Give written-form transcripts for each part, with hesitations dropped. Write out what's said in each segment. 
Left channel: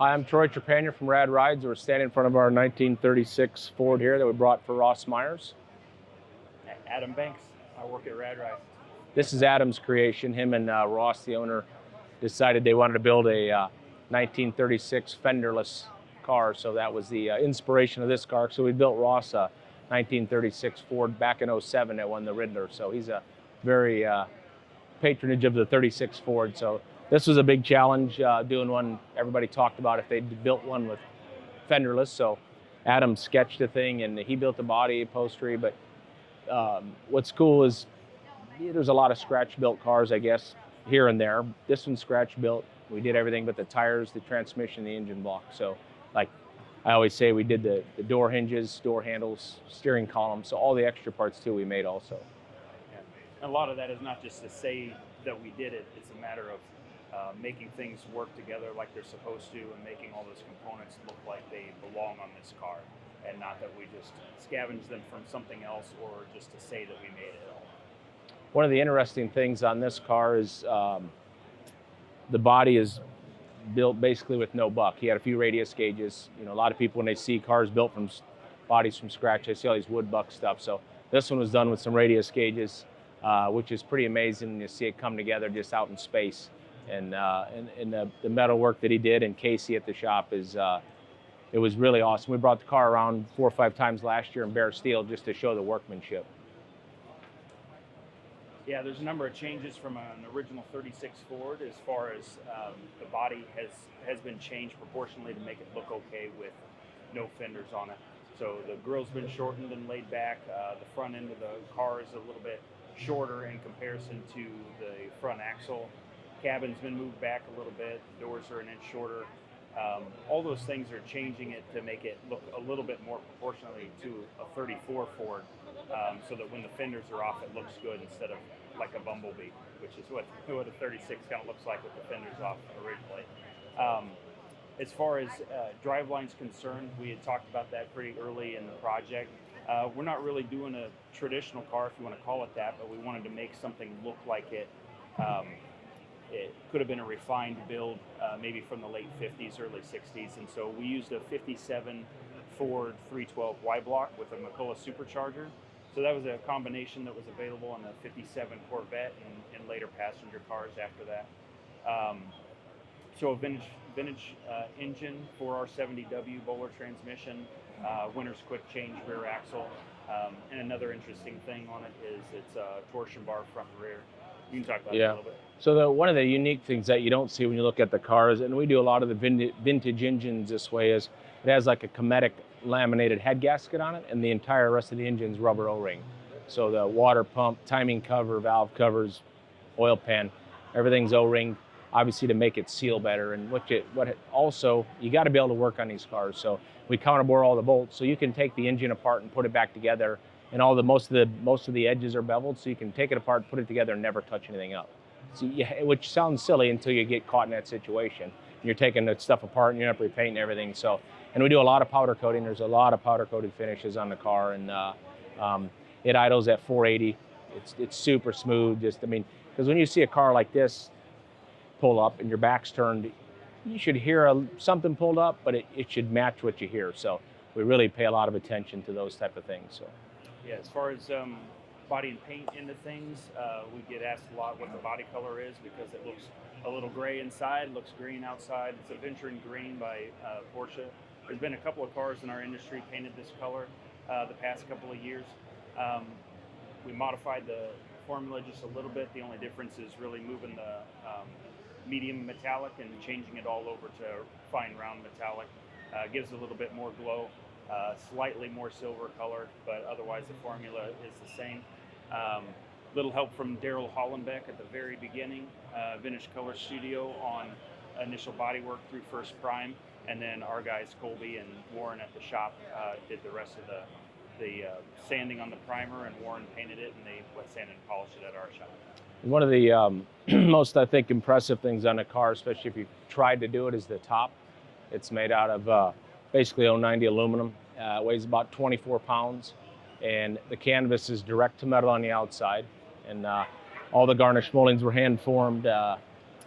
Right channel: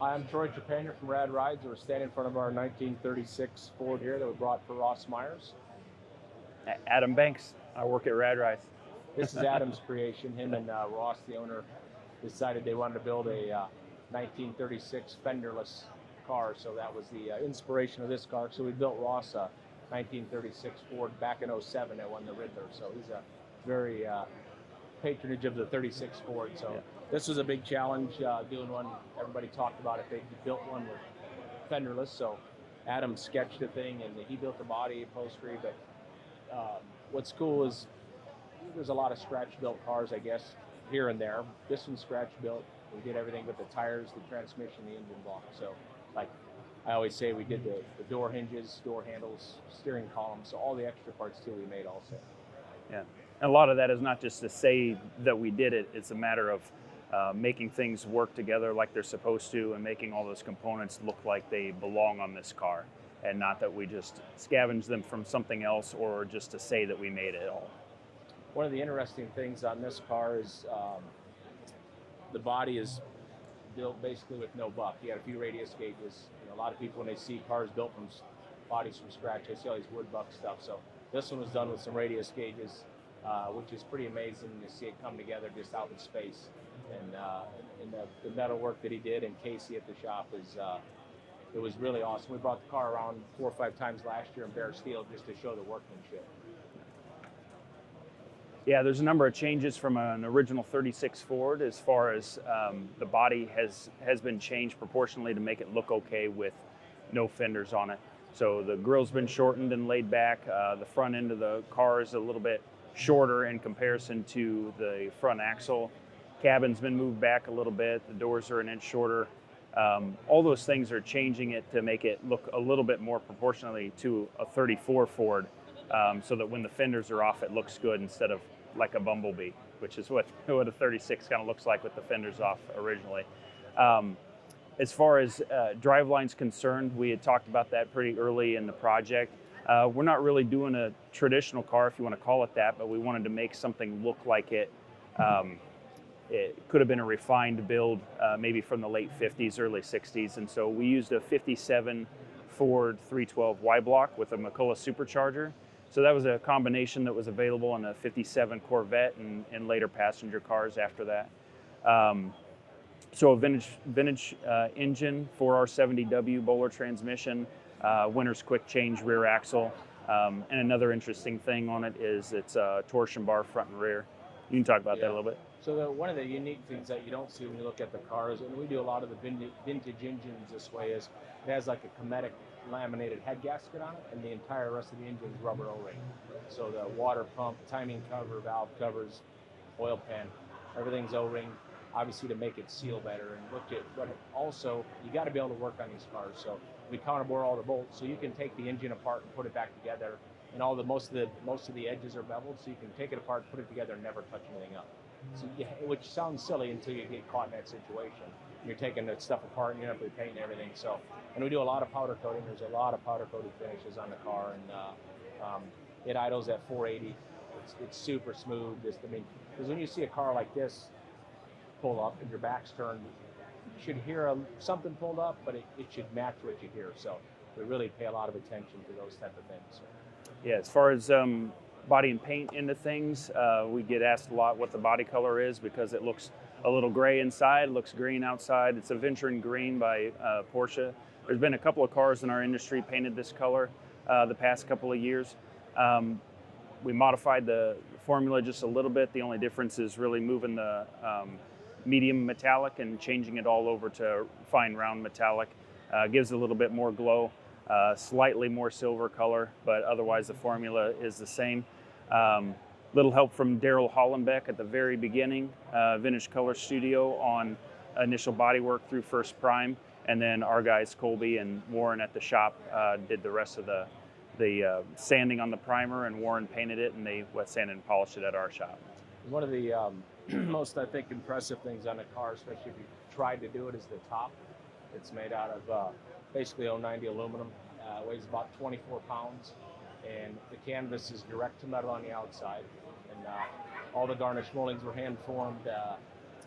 Hi, I'm Troy Trepanier from Rad Rides. We're standing in front of our 1936 Ford here that we brought for Ross Myers. Adam Banks. I work at Rad Rides. This is Adam's creation. Him and Ross, the owner, decided they wanted to build a 1936 Fenderless car, so that was the inspiration of this car. So we built Ross a 1936 Ford back in '07 that won the Riddler. So he's a very patronage of the 36 Ford. So this was a big challenge, doing one. Everybody talked about if they built one with Fenderless. So Adam sketched the thing and he built the body, upholstery. But what's cool is there's a lot of scratch-built cars, I guess, here and there. This one's scratch-built. We did everything but the tires, the transmission, the engine block. So, like I always say, we did the door hinges, door handles, steering column. So all the extra parts too we made also. Yeah, and a lot of that is not just to say that we did it. It's a matter of making things work together like they're supposed to, and making all those components look like they belong on this car, and not that we just scavenge them from something else or just to say that we made it all. One of the interesting things on this car is the body is built basically with no buck. He had a few radius gauges. You know, a lot of people when they see cars built from bodies from scratch, they see all these wood buck stuff. So this one was done with some radius gauges, which is pretty amazing to see it come together just out in space. And the metal work that he did, and Casey at the shop, is it was really awesome. We brought the car around 4 or 5 times last year in bare steel just to show the workmanship. Yeah, there's a number of changes from an original 36 Ford as far as the body has been changed proportionally to make it look okay with no fenders on it. So the grill's been shortened and laid back. The front end of the car is a little bit shorter in comparison to the front axle. Cabin's been moved back a little bit. The doors are an inch shorter. All those things are changing it to make it look a little bit more proportionally to a 34 Ford, so that when the fenders are off, it looks good instead of like a bumblebee, which is what a 36 kind of looks like with the fenders off originally. As far as driveline's concerned, we had talked about that pretty early in the project. We're not really doing a traditional car, if you want to call it that, but we wanted to make something look like it. It could have been a refined build, maybe from the late 50s, early 60s. And so we used a 57 Ford 312 Y block with a McCullough supercharger. So that was a combination that was available on a 57 Corvette and later passenger cars after that. So a vintage engine, 4R70W Bowler transmission, Winter's quick change rear axle. And another interesting thing on it is it's a torsion bar front and rear. You can talk about that a little bit. So one of the unique things that you don't see when you look at the cars, and we do a lot of the vintage engines this way, is it has like a Cometic laminated head gasket on it, and the entire rest of the engine's rubber O-ring. So the water pump, timing cover, valve covers, oil pan, everything's O-ring, obviously to make it seal better. And also, you got to be able to work on these cars. So we counterbore all the bolts, so you can take the engine apart and put it back together. And most of the edges are beveled, so you can take it apart, put it together, and never touch anything up. So which sounds silly until you get caught in that situation. You're taking the stuff apart and you're not repainting everything. So, and we do a lot of powder coating. There's a lot of powder coated finishes on the car, and it idles at 480. It's super smooth. Because when you see a car like this pull up and your back's turned, you should hear something pulled up, but it should match what you hear. So we really pay a lot of attention to those type of things. So. Yeah, as far as body and paint into things, we get asked a lot what the body color is because it looks a little gray inside, looks green outside. It's Aventurine green by Porsche. There's been a couple of cars in our industry painted this color the past couple of years. We modified the formula just a little bit. The only difference is really moving the medium metallic and changing it all over to fine round metallic. Gives a little bit more glow. Slightly more silver color, but otherwise the formula is the same. Little help from Daryl Hollenbeck at the very beginning, Vintage Color Studio on initial bodywork through First Prime, and then our guys Colby and Warren at the shop did the rest of the sanding on the primer, and Warren painted it, and they wet sanded and polished it at our shop. One of the most, I think, impressive things on a car, especially if you tried to do it, is the top. It's made out of basically 090 aluminum. It weighs about 24 pounds, and the canvas is direct to metal on the outside, and all the garnish moldings were hand formed.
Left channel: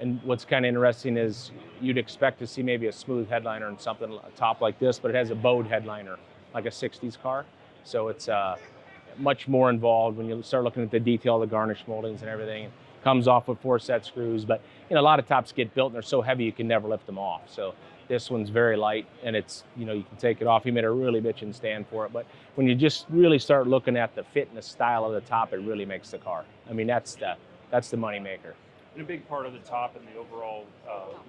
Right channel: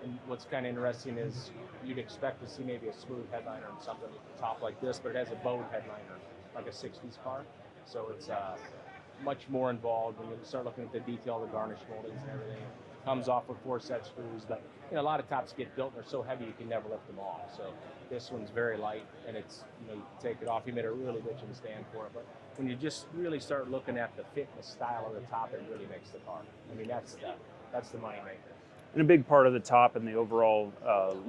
And what's kind of interesting is you'd expect to see maybe a smooth headliner and something top like this, but it has a bowed headliner, like a 60s car. So it's much more involved when you start looking at the detail of the garnish moldings and everything. It comes off with 4 set screws, but a lot of tops get built and they're so heavy you can never lift them off. So this one's very light, and it's, you can take it off. He made a really bitchin' stand for it, but when you just really start looking at the fit and the style of the top, it really makes the car. I mean, that's the money maker. And a big part of the top and the overall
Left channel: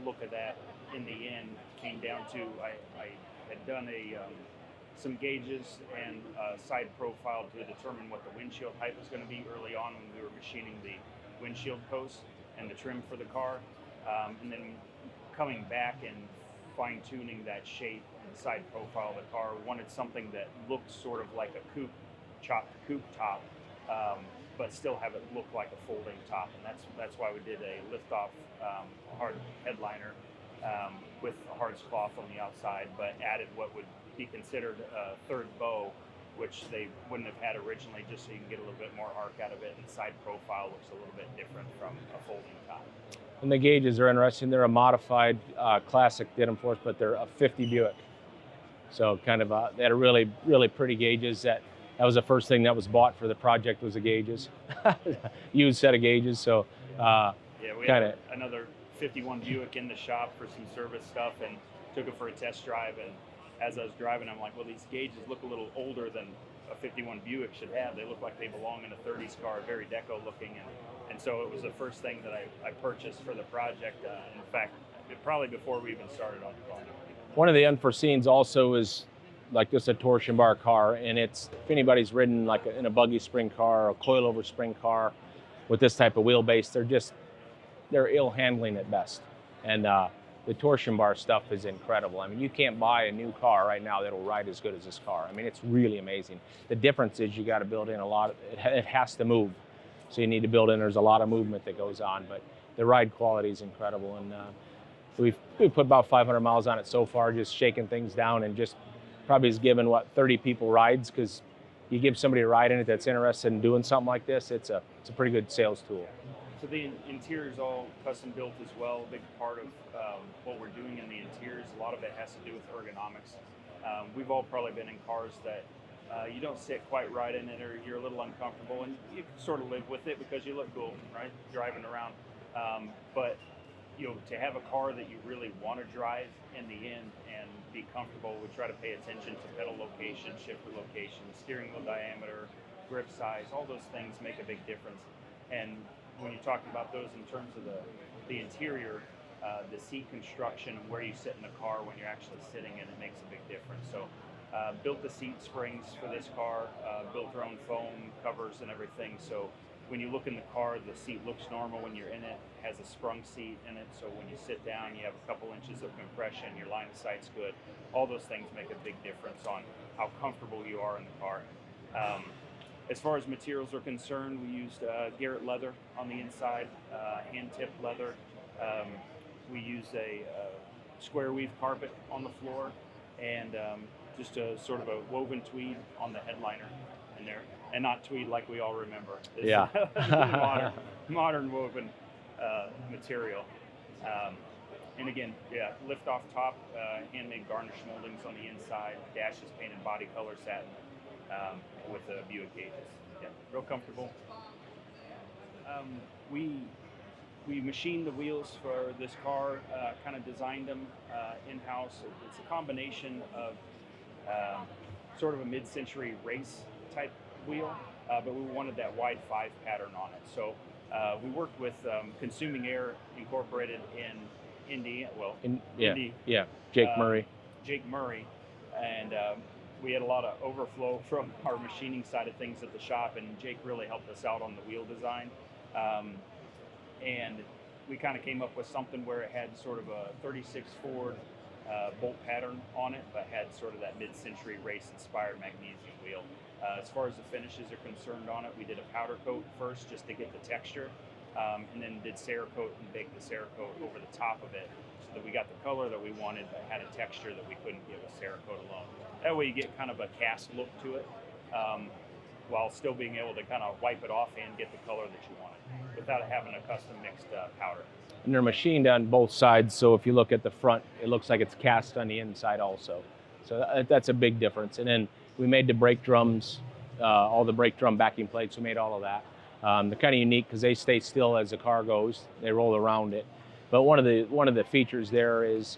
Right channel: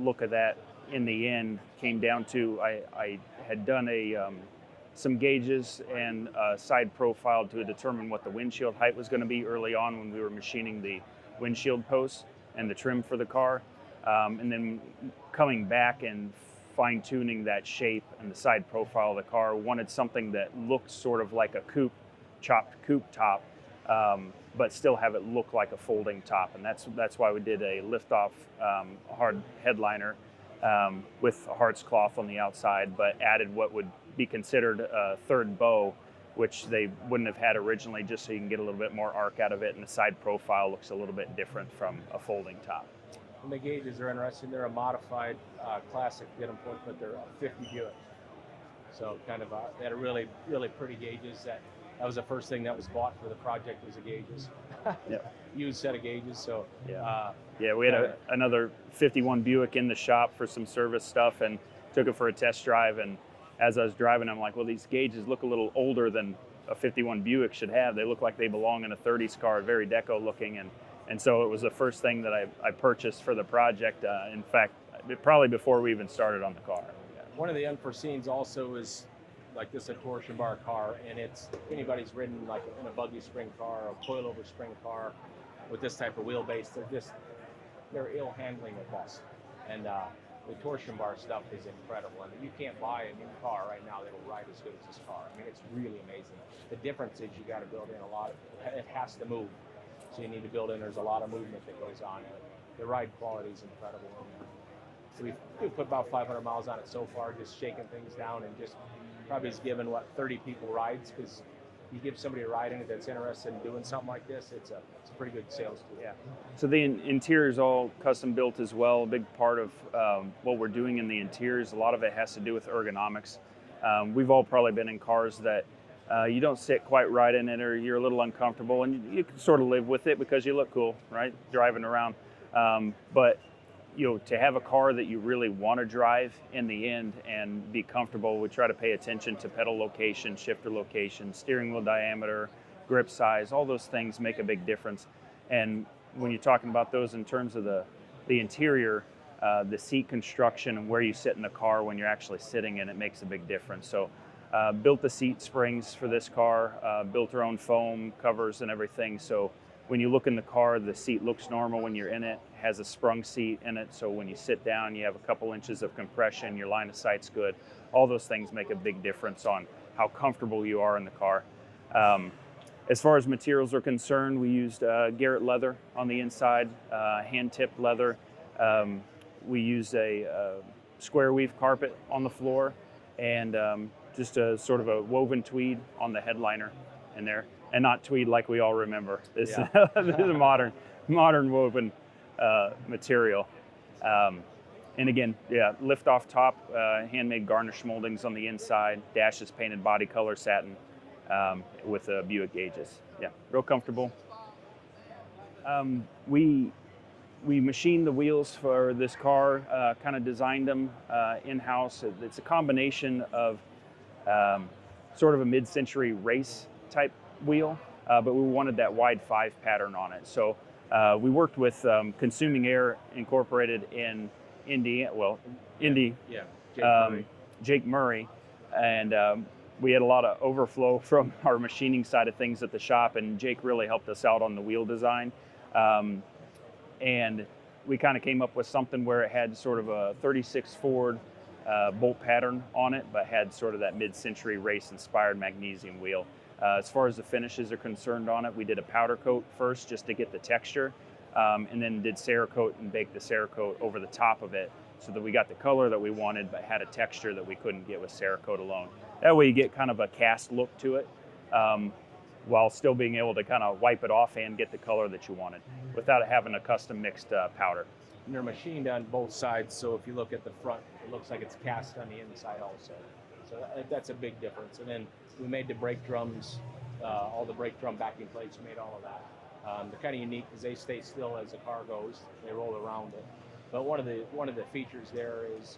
look of that in the end came down to I had done some gauges and side profile to determine what the windshield height was going to be early on when we were machining the windshield posts and the trim for the car. And then coming back and fine-tuning that shape and the side profile of the car, wanted something that looked sort of like a coupe, chopped coupe top, but still have it look like a folding top. And that's why we did a lift-off hard headliner with a hards cloth on the outside, but added what would be considered a third bow, which they wouldn't have had originally, just so you can get a little bit more arc out of it, and the side profile looks a little bit different from a folding top. And the gauges are interesting. They're a modified classic Ditham Force, but they're a 50 Buick. So kind of they had a really, really pretty gauges. That was the first thing that was bought for the project, was the gauges. Yeah. Used set of gauges. So we had another 51 Buick in the shop for some service stuff, and took it for a test drive. And as I was driving, I'm like, well, these gauges look a little older than a 51 Buick should have. They look like they belong in a 30s car, very deco looking. And so it was the first thing that I purchased for the project. In fact, probably before we even started on the car. One of the unforeseens also is like this, a torsion bar car, and it's, if anybody's ridden like in a buggy spring car or a coilover spring car with this type of wheelbase, they're ill handling at best. And the torsion bar stuff is incredible. I mean, you can't buy a new car right now that'll ride as good as this car. I mean, it's really amazing. The difference is you got to build in a lot of it has to move. So you need to build in, there's a lot of movement that goes on, but the ride quality is incredible. And we've put about 500 miles on it so far, just shaking things down, and just probably has given, 30 people rides, because you give somebody a ride in it that's interested in doing something like this, it's a pretty good sales tool. Yeah. So the interior is all custom built as well. A big part of what we're doing in the interiors, a lot of it has to do with ergonomics. We've all probably been in cars that you don't sit quite right in it, or you're a little uncomfortable, and you can sort of live with it because you look cool, right, driving around. But to have a car that you really want to drive in the end and be comfortable, we try to pay attention to pedal location, shifter location, steering wheel diameter, grip size. All those things make a big difference. And when you're talking about those in terms of the interior, the seat construction and where you sit in the car when you're actually sitting in it makes a big difference. So built the seat springs for this car, built our own foam covers and everything. So when you look in the car, the seat looks normal when you're in it, has a sprung seat in it. So when you sit down, you have a couple inches of compression, your line of sight's good. All those things make a big difference on how comfortable you are in the car. As far as materials are concerned, we used Garrett leather on the inside, hand-tipped leather. We used a square weave carpet on the floor, and just a sort of a woven tweed on the headliner in there, and not tweed like we all remember. This is a modern woven material. And again, lift off top, handmade garnish moldings on the inside, dash is painted body color satin with Buick gauges. Yeah, real comfortable. We machined the wheels for this car, kind of designed them in-house. It's a combination of sort of a mid-century race type wheel, but we wanted that wide 5 pattern on it. So we worked with Consuming Air Incorporated in Indy. Yeah, Jake Murray. And we had a lot of overflow from our machining side of things at the shop, and Jake really helped us out on the wheel design. And we kind of came up with something where it had sort of a 36 Ford bolt pattern on it, but had sort of that mid-century race-inspired magnesium wheel. As far as the finishes are concerned on it, we did a powder coat first just to get the texture, and then did Cerakote and baked the Cerakote over the top of it so that we got the color that we wanted, but had a texture that we couldn't get with Cerakote alone. That way you get kind of a cast look to it, while still being able to kind of wipe it off and get the color that you wanted without having a custom mixed powder. and they're machined on both sides. So if you look at the front, it looks like it's cast on the inside also. So that's a big difference. And then we made the brake drums, all the brake drum backing plates. We made all of that. They're kind of unique because they stay still as the car goes. They roll around it. But one of the features there is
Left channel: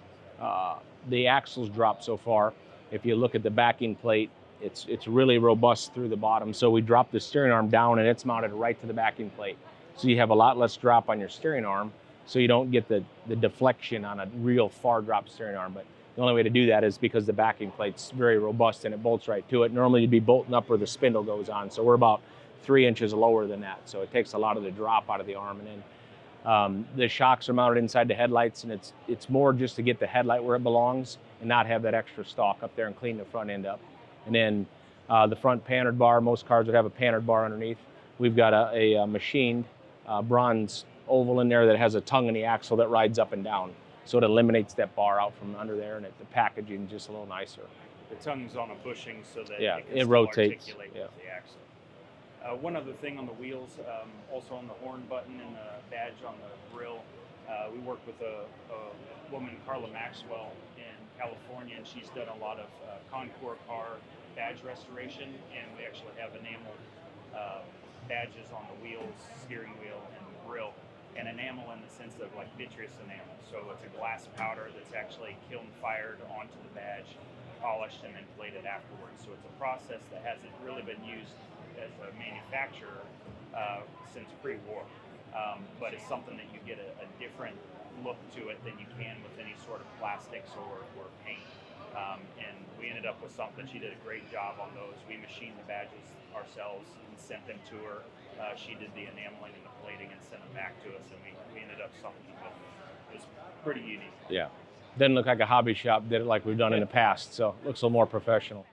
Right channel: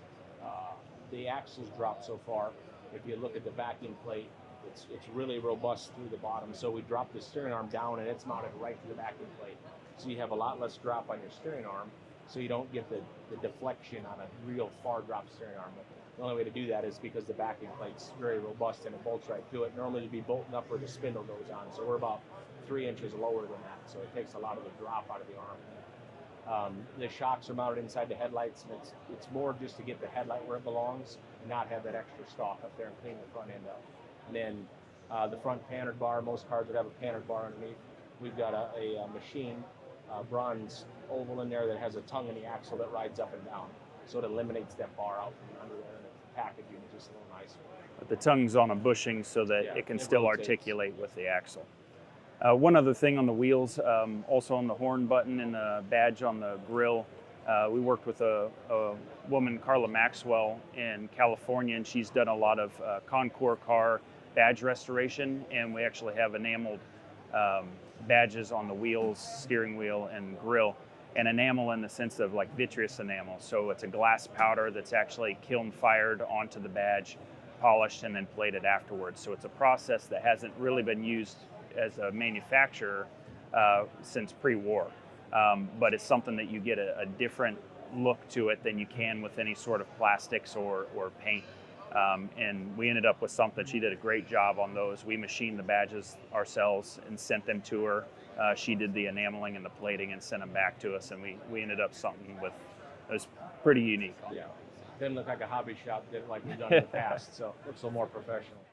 the axles drop so far. If you look at the backing plate, it's really robust through the bottom. So we drop the steering arm down and it's mounted right to the backing plate. So you have a lot less drop on your steering arm, so you don't get the deflection on a real far drop steering arm. But the only way to do that is because the backing plate's very robust and it bolts right to it. Normally you'd be bolting up where the spindle goes on. So we're about 3 inches lower than that. So it takes a lot of the drop out of the arm. And then the shocks are mounted inside the headlights, and it's more just to get the headlight where it belongs and not have that extra stalk up there and clean the front end up. And then the front panhard bar, most cars would have a panhard bar underneath. We've got a machined bronze oval in there that has a tongue in the axle that rides up and down. So it eliminates that bar out from under there, and the packaging is just a little nicer. But the tongue's on a bushing so that it can still rotates. articulate with the axle. One other thing on the wheels, also on the horn button and the badge on the grill, we worked with a woman, Carla Maxwell, in California, and she's done a lot of Concours car badge restoration, and we actually have enameled badges on the wheels, steering wheel, and grill. And enamel in the sense of like vitreous enamel. So it's a glass powder that's actually kiln fired onto the badge, polished, and then plated afterwards. So it's a process that hasn't really been used as a manufacturer since pre-war. But it's something that you get a different look to it than you can with any sort of plastics or paint. And we ended up with something. She did a great job on those. We machined the badges ourselves and sent them to her. She did the enameling and the plating and sent them back to us, and we ended up something with, it was pretty unique. Yeah. Didn't look like a hobby shop, did it like we've done in the past, so it looks a little more professional.